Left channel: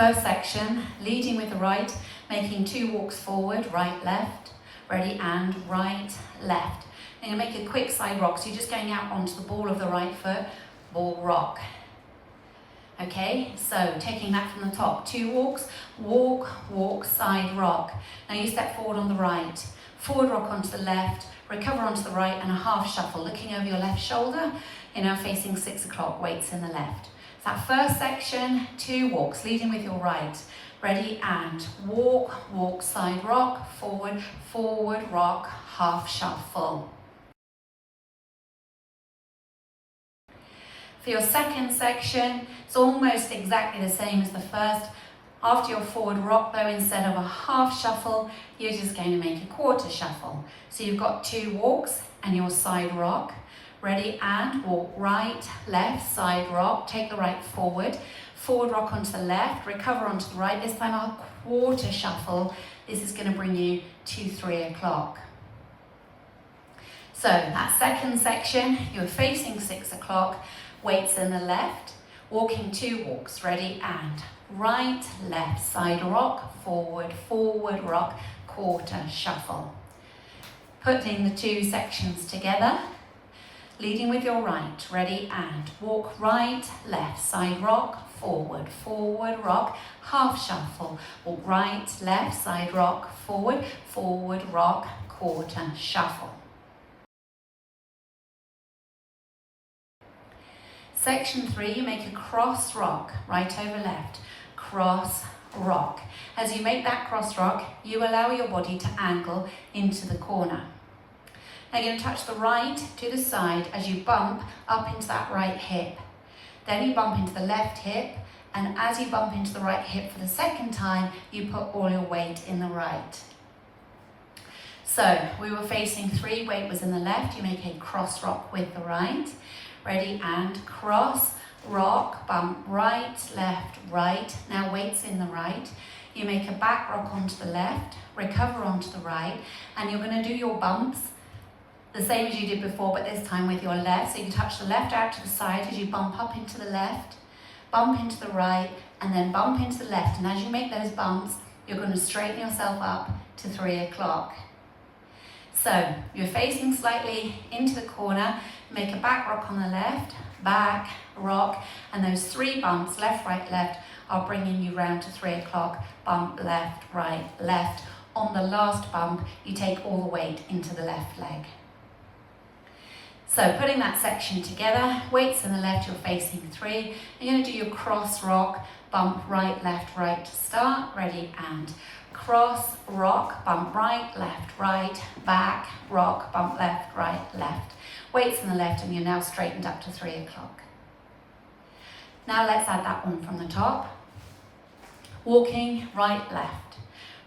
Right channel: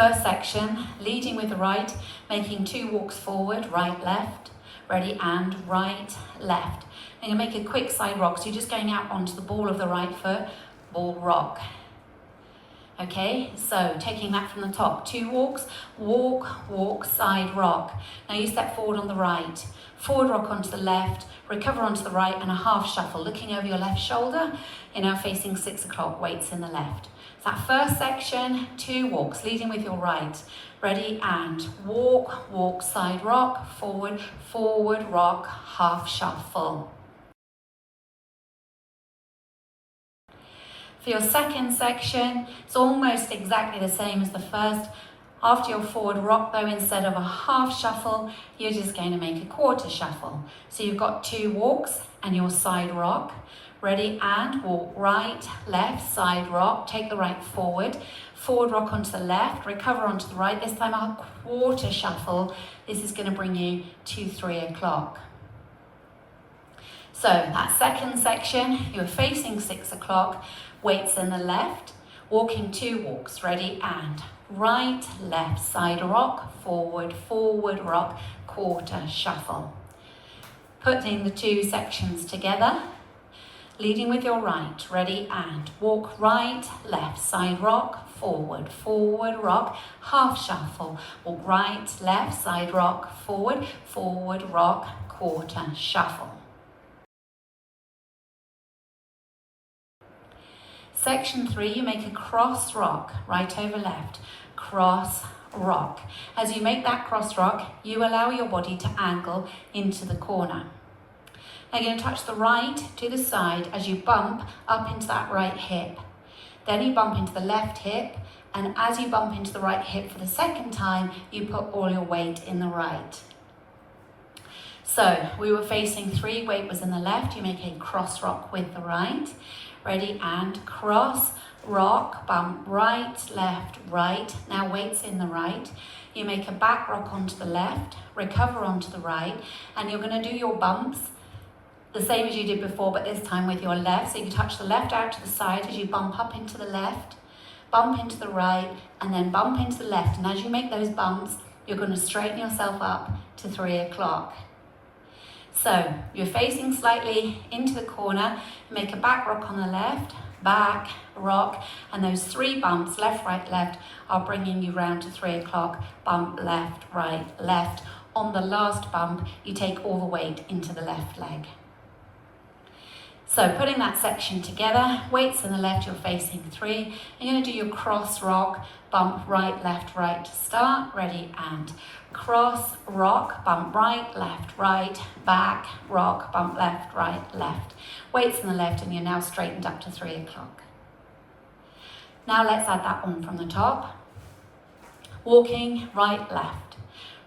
First section, leading with the right, making 2 walks forward, right, left, ready, and right, left. And you make a quick side rock, so you're just going out onto the ball of the right foot, ball rock. Okay, so taking that from the top, 2 walks, walk, walk, side rock. Now you step forward on the right, forward rock onto the left, recover onto the right, and a half shuffle, looking over your left shoulder. You're now facing 6 o'clock, weights in the left. So that first section, 2 walks, leading with your right. Ready, and walk, walk, side rock, forward, forward rock, half shuffle. For your second section, it's almost exactly the same as the first. After your forward rock though, instead of a half shuffle, you're just going to make a quarter shuffle. So you've got 2 walks and your side rock. Ready, and walk right, left, side rock, take the right forward, forward rock onto the left, recover onto the right, this time a quarter shuffle. This is going to bring you to 3 o'clock. So that second section, you're facing 6 o'clock, weights in the left, walking 2 walks, ready, and right, left, side rock, forward, forward rock, quarter shuffle. Putting the 2 sections together, leading with your right, ready, and walk right, left, side rock, forward, forward rock, half shuffle, walk right, left, side rock, forward, forward rock, quarter shuffle. Section 3, you make a cross rock, right over left, cross rock. As you make that cross rock, you allow your body to angle into the corner. Now you're going to touch the right to the side as you bump up into that right hip. Then you bump into the left hip, and as you bump into the right hip for the second time, you put all your weight in the right. So we were facing 3, weight was in the left, you make a cross rock with the right. Ready, and cross, rock, bump, right, left, right. Now weight's in the right. You make a back rock onto the left, recover onto the right, and you're going to do your bumps the same as you did before, but this time with your left. So you touch the left out to the side as you bump up into the left, bump into the right, and then bump into the left. And as you make those bumps, you're going to straighten yourself up to 3 o'clock. So you're facing slightly into the corner, make a back rock on the left, back, rock, and those 3 bumps, left, right, left, are bringing you round to 3 o'clock, bump, left, right, left. On the last bump, you take all the weight into the left leg. So putting that section together, weights in the left, you're facing 3. You're going to do your cross rock, bump right, to start, ready, and cross, rock, bump right, left, back, rock, bump left, left. Weights in the left, and you're now straightened up to 3 o'clock. Now let's add that on from the top. Walking right, left.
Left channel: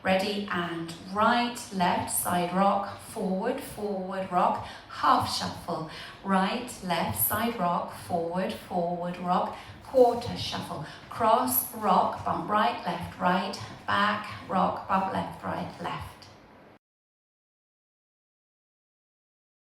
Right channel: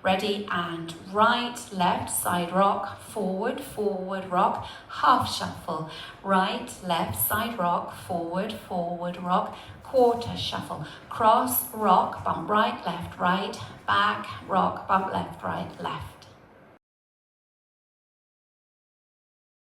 Ready, and right, left, side rock, forward, forward rock, half shuffle. Right, left, side rock, forward, forward rock, quarter shuffle. Cross, rock, bump right, back, rock, bump left.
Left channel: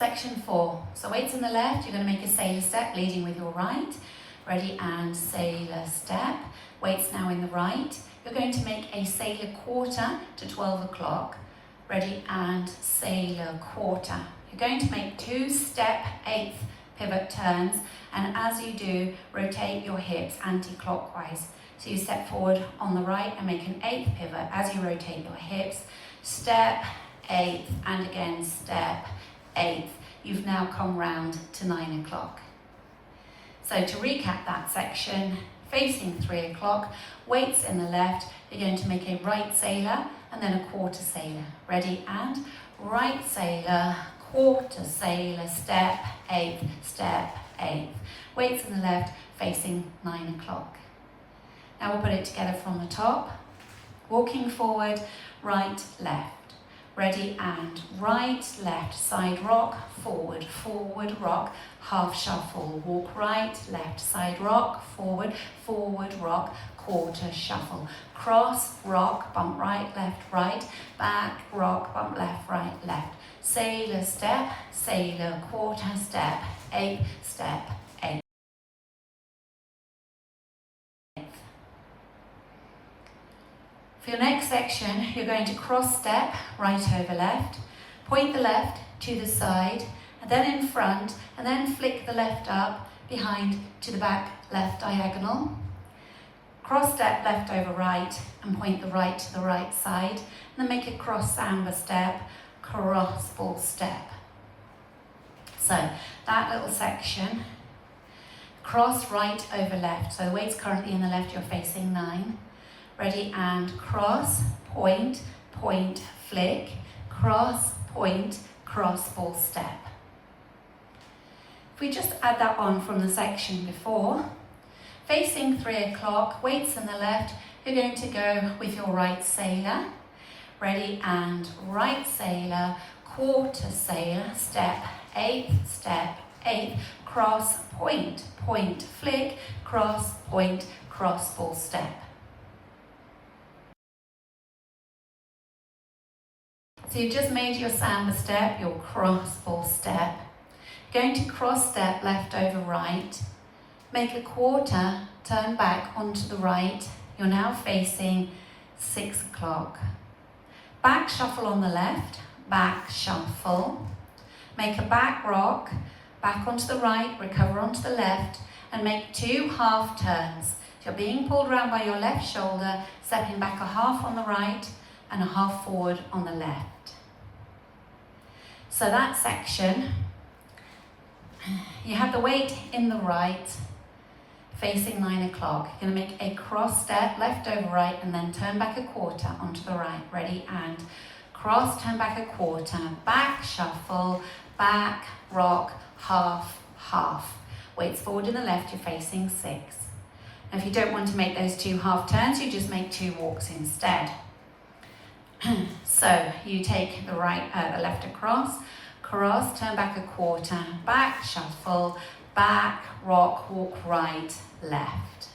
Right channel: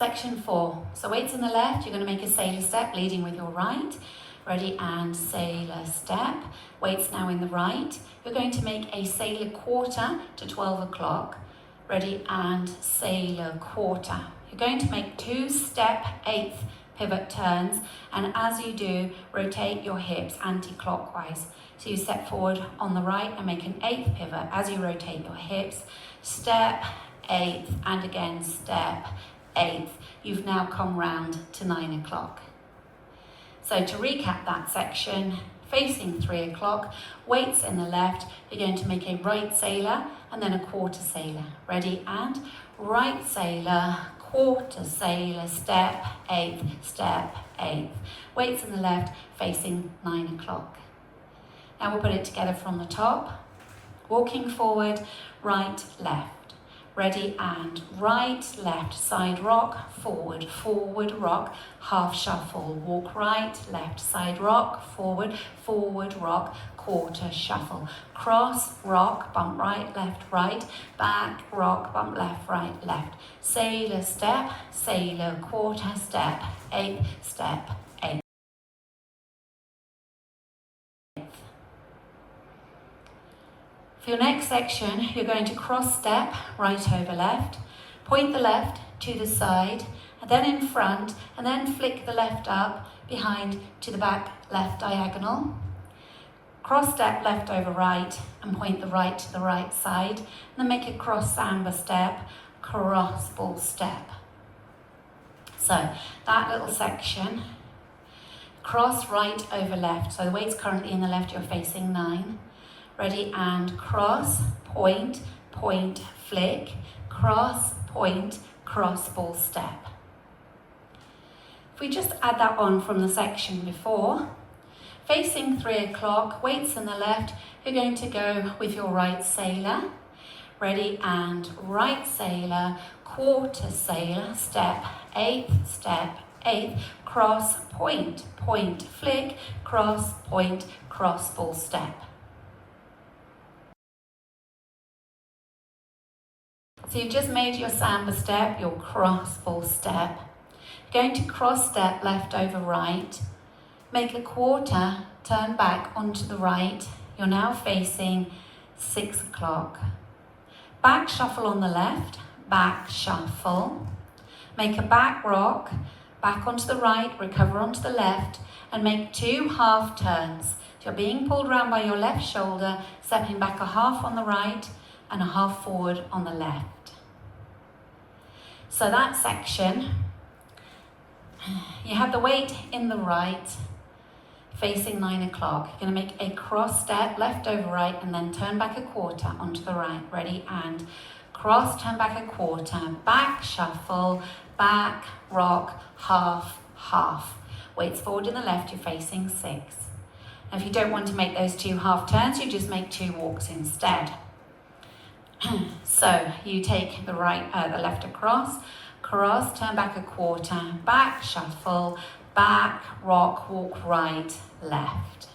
Section 4. So weights in the left, you're going to make a sailor step, leading with your right. Ready, and sailor step. Weights now in the right. You're going to make a sailor quarter to 12 o'clock. Ready, and sailor quarter. You're going to make 2 step 8th pivot turns, and as you do, rotate your hips anti-clockwise. So you step forward on the right and make an 8th pivot. As you rotate your hips, step 8th, and again step 8th. You've now come round to 9 o'clock. So to recap that section, facing 3 o'clock, weights in the left, you're going to make a right sailor and then a quarter sailor. Ready, and right sailor, quarter sailor, step 8th. Weights in the left, facing 9 o'clock. Now we'll put it together from the top. Walking forward, right, left. Ready, and right, left, side rock, forward, forward rock, half shuffle. Walk right, left, side rock, forward, forward rock, quarter shuffle. Cross, rock, bump right, back, rock, bump left. Sailor step, sailor quarter step, 8th step, 8th. For your next section, you're going to cross step right over left, point the left to the side, and then in front, and then flick the left up behind to the back left diagonal. Cross step left over right and point the right to the right side, and then make a cross samba step, cross ball step. So that little section, cross right over left. So the weight's currently in the left, you're facing 9. Ready, and cross, point, point, flick, cross, point, cross ball step. If we just add that on from the section before, facing 3 o'clock, weights in the left, you're going to go with your right sailor. Ready, and right sailor, quarter sailor, step, 8th, step, 8th, cross, point, point, flick, cross, point, cross ball step. So you've just made your samba step, your cross ball step. Going to cross step left over right, make a quarter, turn back onto the right. You're now facing 6 o'clock. Back shuffle on the left, back shuffle. Make a back rock, back onto the right, recover onto the left, and make 2 half turns. So you're being pulled around by your left shoulder, stepping back a half on the right and a half forward on the left. So that section, you have the weight in the right, facing 9 o'clock. You're going to make a cross step, left over right, and then turn back a quarter onto the right. Ready, and cross, turn back a quarter, back shuffle, back, rock, half, half. Weights forward in the left, you're facing 6. And if you don't want to make those 2 half turns, you just make 2 walks instead. So you take the left across, cross, turn back a quarter, back shuffle, back, rock, walk right, left.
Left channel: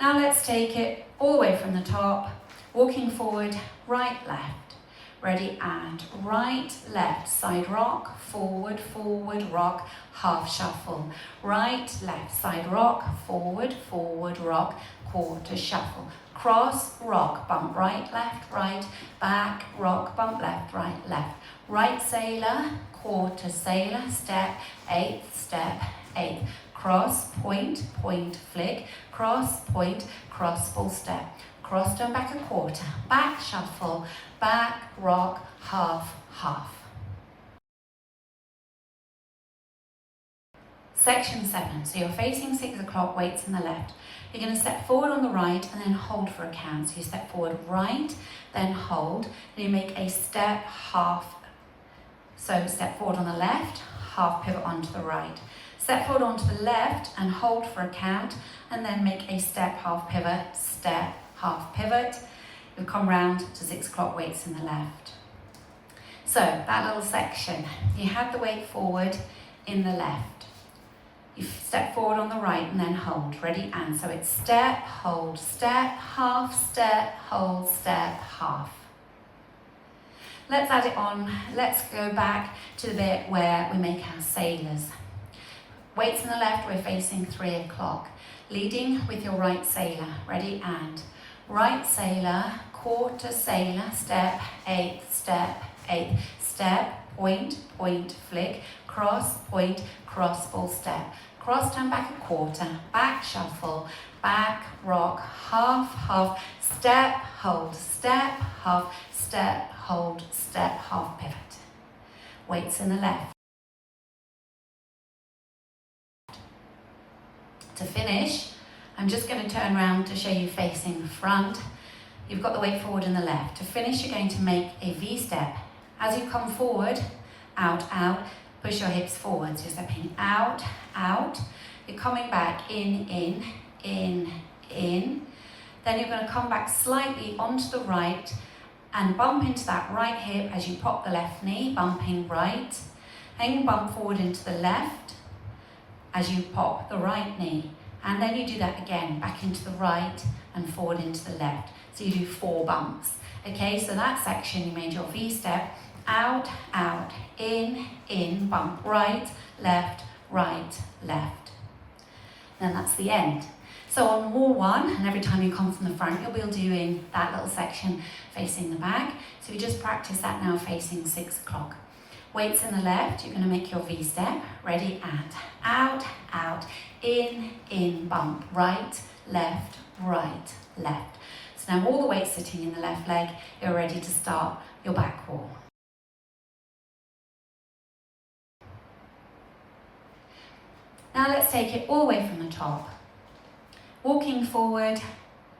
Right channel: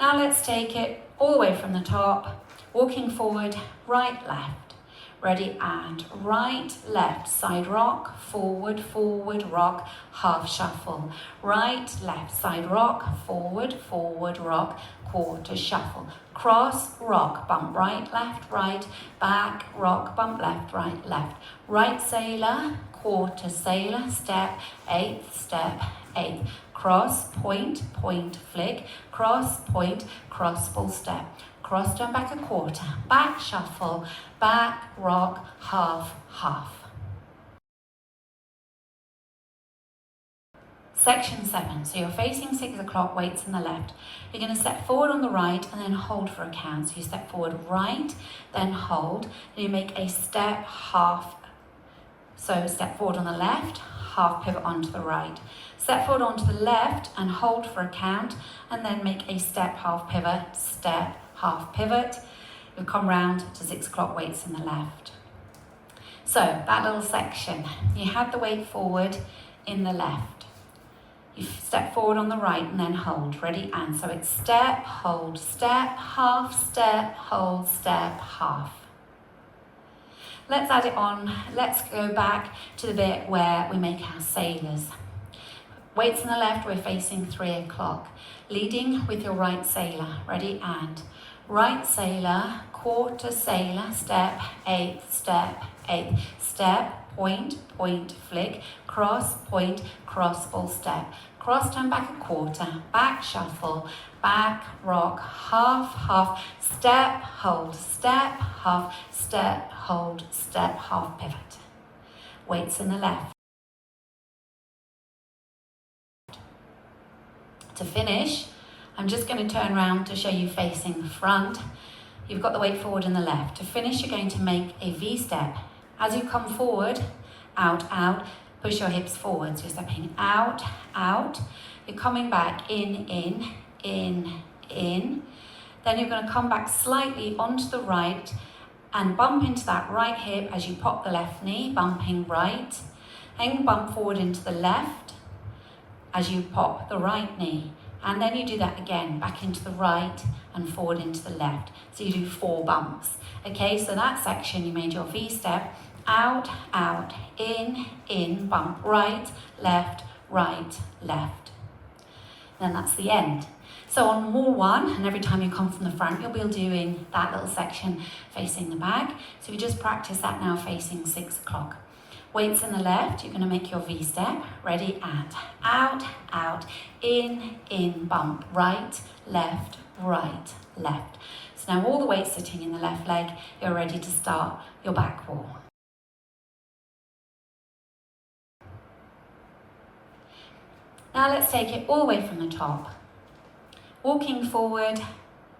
Now let's take it all the way from the top, walking forward, right, left. Ready, and right, left, side rock, forward, forward, rock, half shuffle. Right, left, side rock, forward, forward, rock, quarter shuffle. Cross, rock, bump right, back, rock, bump left, right sailor, quarter sailor, step, 8th, step, 8th, cross, point, point, flick, cross, point, cross ball step, cross, turn back a quarter, back shuffle, back, rock, half, half. Section 7, so you're facing 6 o'clock, weights in the left. You're going to step forward on the right and then hold for a count. So you step forward right, then hold, and you make a step, half. So step forward on the left, half pivot onto the right. Step forward onto the left and hold for a count, and then make a step, half pivot, step, half pivot. You'll come round to 6 o'clock, weights in the left. So that little section, you had the weight forward in the left. You step forward on the right and then hold. Ready, and so it's step, hold, step, hold, step, half. Let's add it on. Let's go back to the bit where we make our sailors. Weights in the left, we're facing 3 o'clock. Leading with your right sailor. Ready, and right sailor, quarter sailor, step, 8th, step, 8th, step, point, point, flick, cross, point, cross ball step. Cross, turn back a quarter, back shuffle, back, rock, half, half, step, hold, step, half, step, hold, step, half pivot. Weights in the left. To finish, I'm just going to turn around to show you facing front. You've got the weight forward in the left. To finish, you're going to make a V step. As you come forward, out, out, push your hips forward. So you're stepping out, out. You're coming back in, in. Then you're going to come back slightly onto the right and bump into that right hip as you pop the left knee, bumping right. Then bump forward into the left as you pop the right knee. And then you do that again, back into the right and forward into the left. So you do 4 bumps. Okay, so that section you made your V step. Out, out, in, bump, right, left, left. then that's the end. So on wall 1, and every time you come from the front, you'll be doing that little section facing the back. So we just practice that now facing 6 o'clock. Weights in the left, you're going to make your V step. Ready, and out, out, in, bump, right, left, left. So now all the weight sitting in the left leg, you're ready to start your back wall. Now let's take it all the way from the top. Walking forward,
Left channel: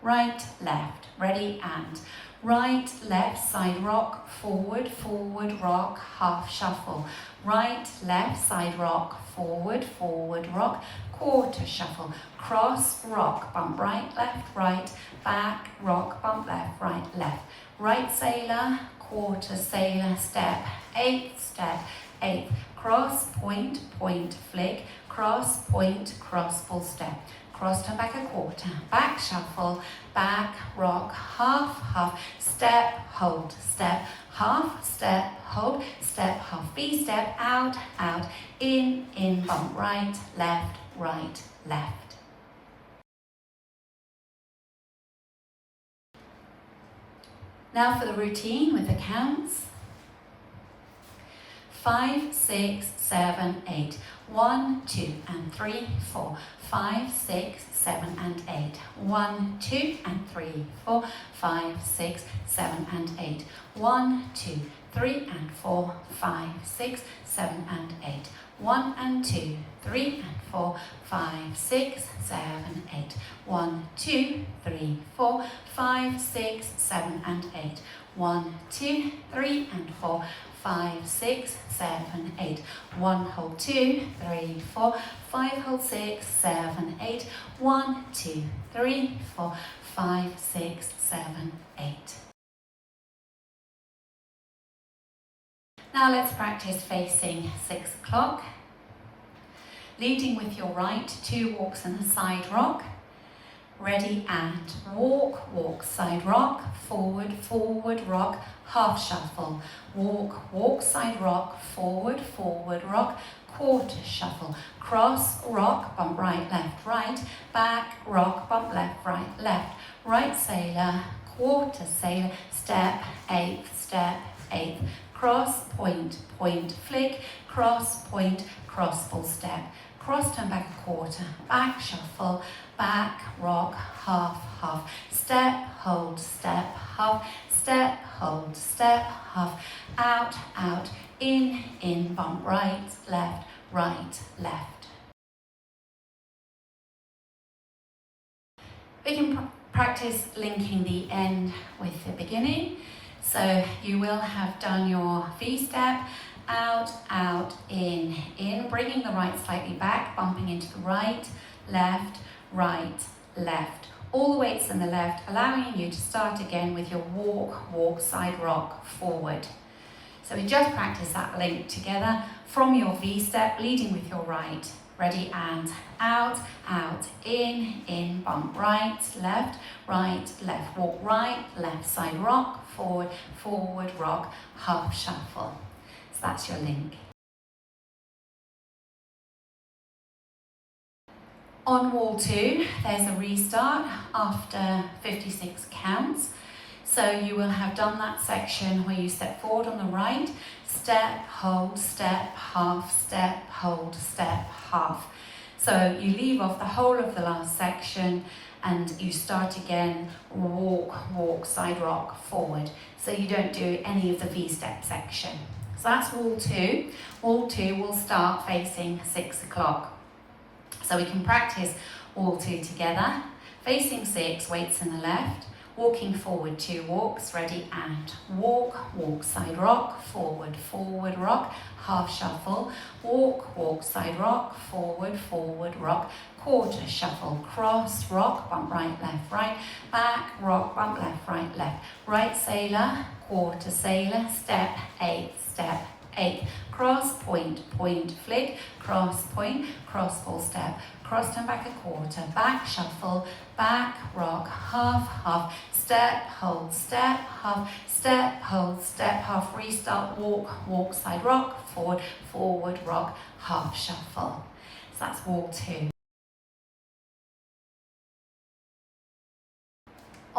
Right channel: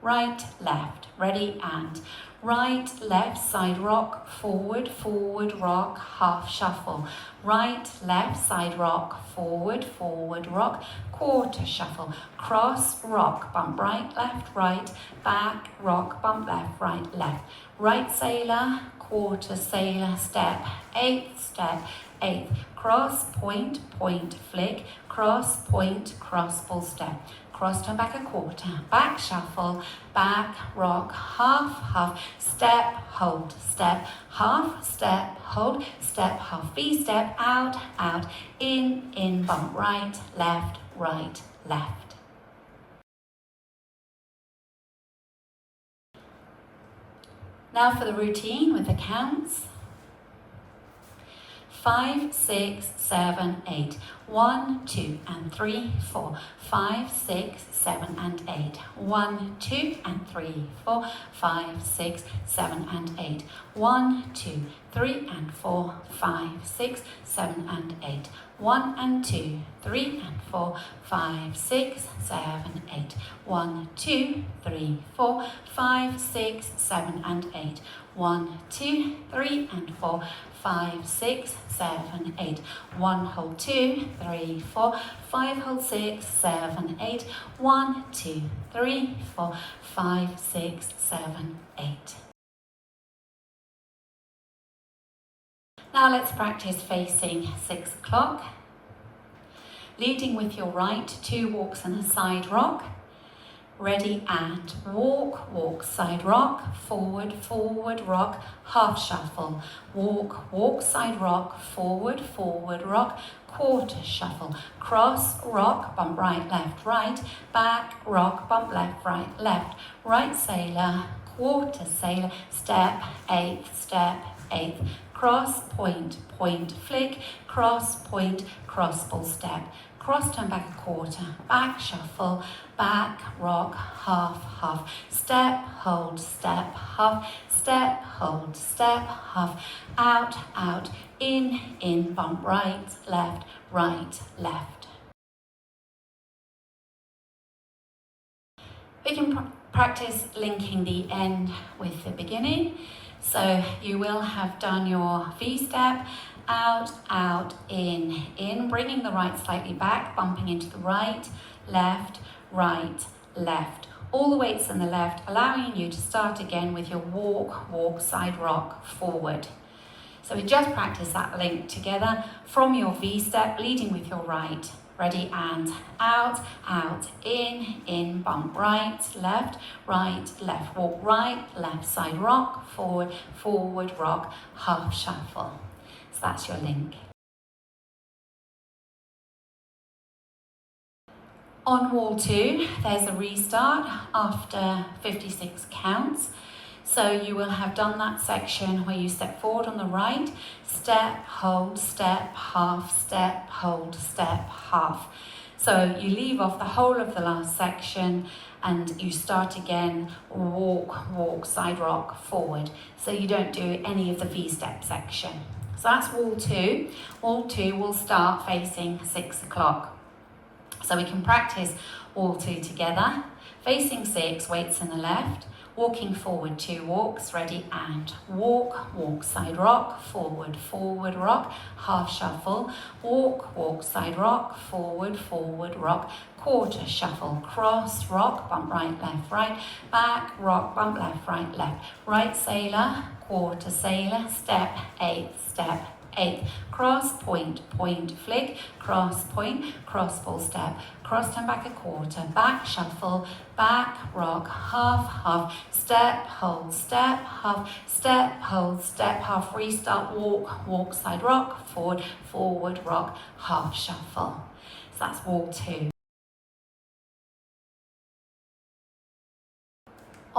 right, left, ready, and right, left, side rock, forward, rock, half shuffle. Right, left, side rock, forward, rock, quarter shuffle. Cross, rock, bump, right, back, rock, bump, left. Right sailor, quarter sailor, step, eighth, cross, point, flick, cross, point, cross, full step. Cross, turn back a quarter, back shuffle, back, rock, half, step, hold, step, half, step, hold, step, half, V step, out, in, bump, right, left. Now for the routine with the counts. 5, 6, 7, 8. 1, 2, and 3, 4. 5, 6, 7, and 8. 1, 2, and 3, 4. 5, 6, 7, and 8. 1, 2, 3, and 4. 5, 6, 7, and 8. 1 and 2, 3 and 4, 5, 6, 7, 8. 1, 2, 3, 4, 5, 6, 7, and 8. 1, 2, 3 and 4, 5, 6, 7, 8. 1, hold 2, 3, 4, 5, hold 6, 7, 8. 1, 2, 3, 4, 5, 6, 7, 8. Now let's practice facing 6 o'clock. Leading with your right, 2 walks and a side rock. Ready, and walk, side rock, forward, rock, half shuffle. Walk, side rock, forward, rock, quarter shuffle. Cross, rock, bump right, back, rock, bump left. Right sailor, quarter sailor, step, eighth. Cross, point, flick, cross, point, cross, full step. Cross, turn back a quarter, back shuffle, back, rock, half, step, hold, step, half, step, hold, step, half, out, in, bump, right, left. We can practice linking the end with the beginning. So you will have done your V step, out, in, bringing the right slightly back, bumping into the right, left. All the weights in the left, allowing you to start again with your walk, side rock, forward. So we just practice that link together from your V step, leading with your right. Ready, and out, in, bump right, left. Walk right, left side rock, forward, rock, half shuffle. So that's your link. On wall 2, there's a restart after 56 counts. So you will have done that section where you step forward on the right, step, hold, step, half, step, hold, step, half. So you leave off the whole of the last section and you start again, walk, side rock, forward. So you don't do any of the V-step section. So that's wall 2. Wall 2 will start facing 6 o'clock. So we can practice wall 2 together. Facing 6, weights in the left. Walking forward, 2 walks, ready, and walk, side rock, forward, rock, half shuffle, walk, side rock, forward, rock, quarter shuffle, cross, rock, bump right, back, rock, bump left, right sailor, quarter sailor, step, eighth, cross, point, flick, cross, point, cross, full step, cross, turn back a quarter, back shuffle, back, rock, half, step, hold, step, half, step, hold, step, half, restart, walk, side rock, forward, rock, half shuffle. So that's wall 2.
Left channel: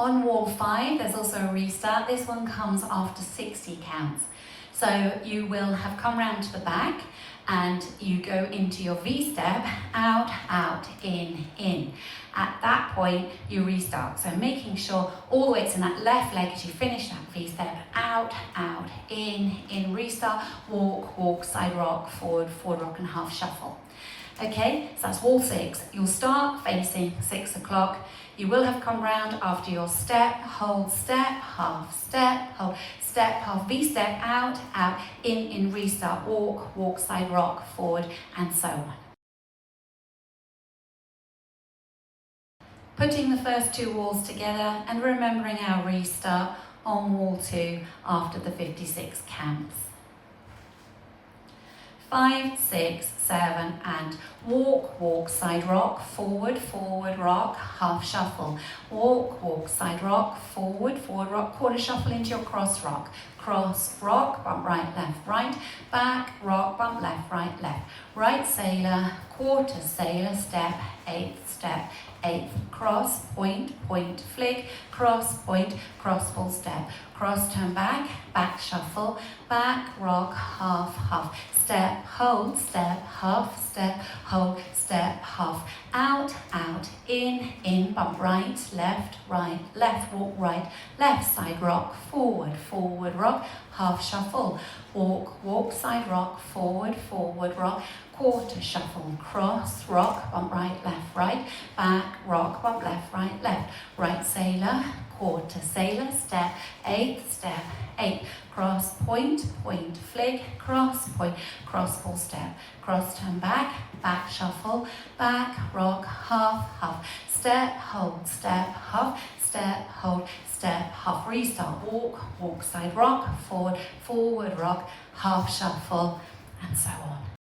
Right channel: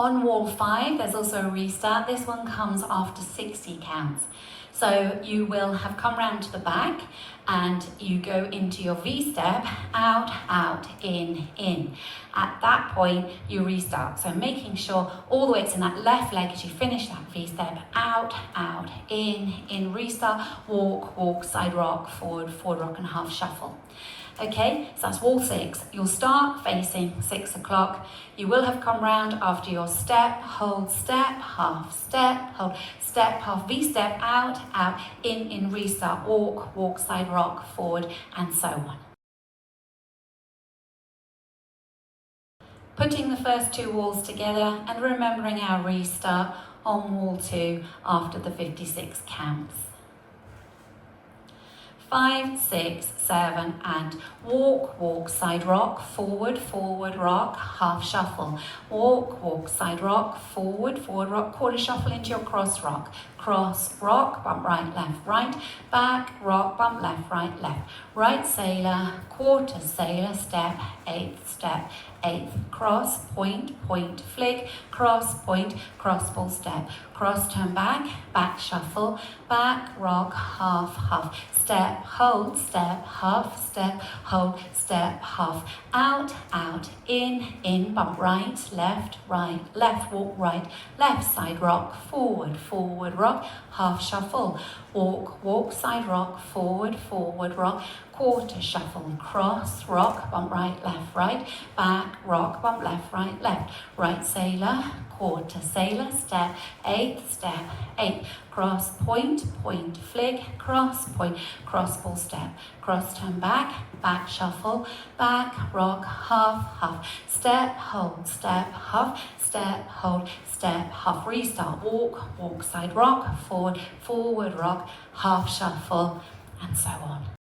On wall 5, there's also a restart. This one comes after 60 counts. So you will have come round to the back and you go into your V-step, out, out, in. At that point, you restart. So making sure all the weight's in that left leg as you finish that V-step, out, out, in, restart, walk, walk, side rock, forward, forward rock and half shuffle. Okay, so that's wall 6. You'll start facing 6 o'clock. You will have come round after your step, hold, step, hold, step, half, V-step, out, out, in, restart, walk, walk, side rock, forward, and so on. Putting the first 2 walls together and remembering our restart on wall 2 after the 56 counts. 5, 6, 7, and walk, walk, side rock, forward, forward rock, half shuffle. Walk, walk, side rock, forward, forward rock, quarter shuffle into your cross rock. Cross, rock, bump right, left, right, back, rock, bump left, right, right sailor, quarter sailor, step, 8th step, 8th, cross, point, point, flick, cross, point, cross, full step, cross, turn back, back shuffle, back, rock, half, half, step, hold, step, half, step, hold, step, half, out, out, in, bump right, left, walk right, left side rock, forward, forward rock, half shuffle, walk, walk, side rock, forward, forward rock, quarter shuffle, cross, rock, bump right, left, back, rock, bump left, right sailor, quarter sailor, step, 8th step, 8, cross, point, point, flick, cross, point, cross, full step, cross, turn back, back shuffle, back, rock, half, half, step, hold, step, half, step, hold, step, half, restart, walk, walk, side rock, forward, forward rock, half shuffle, and so on.